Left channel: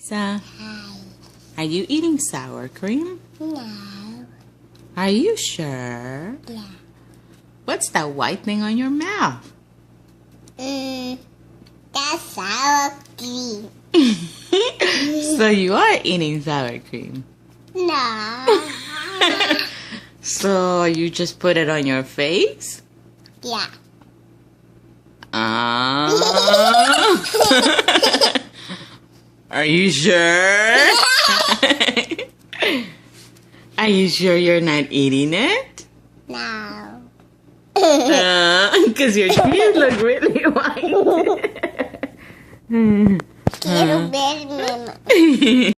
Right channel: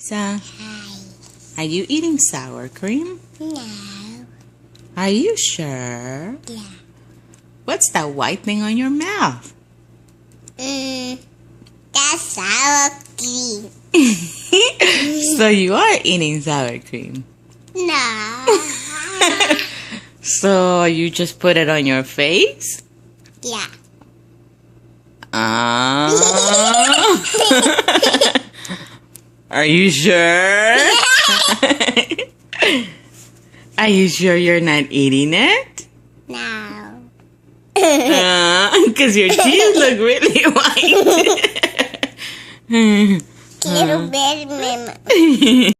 So, Hi. are you eating sour cream? No. Are you sure? Yeah. What's that white thing on your mouth? That's sour cream. So you are eating sour cream. No. So you just put it on your face? Yeah. Ah. Are you sure? Are you sure you're not eating it? No. Because your teeth look really white. Little bit,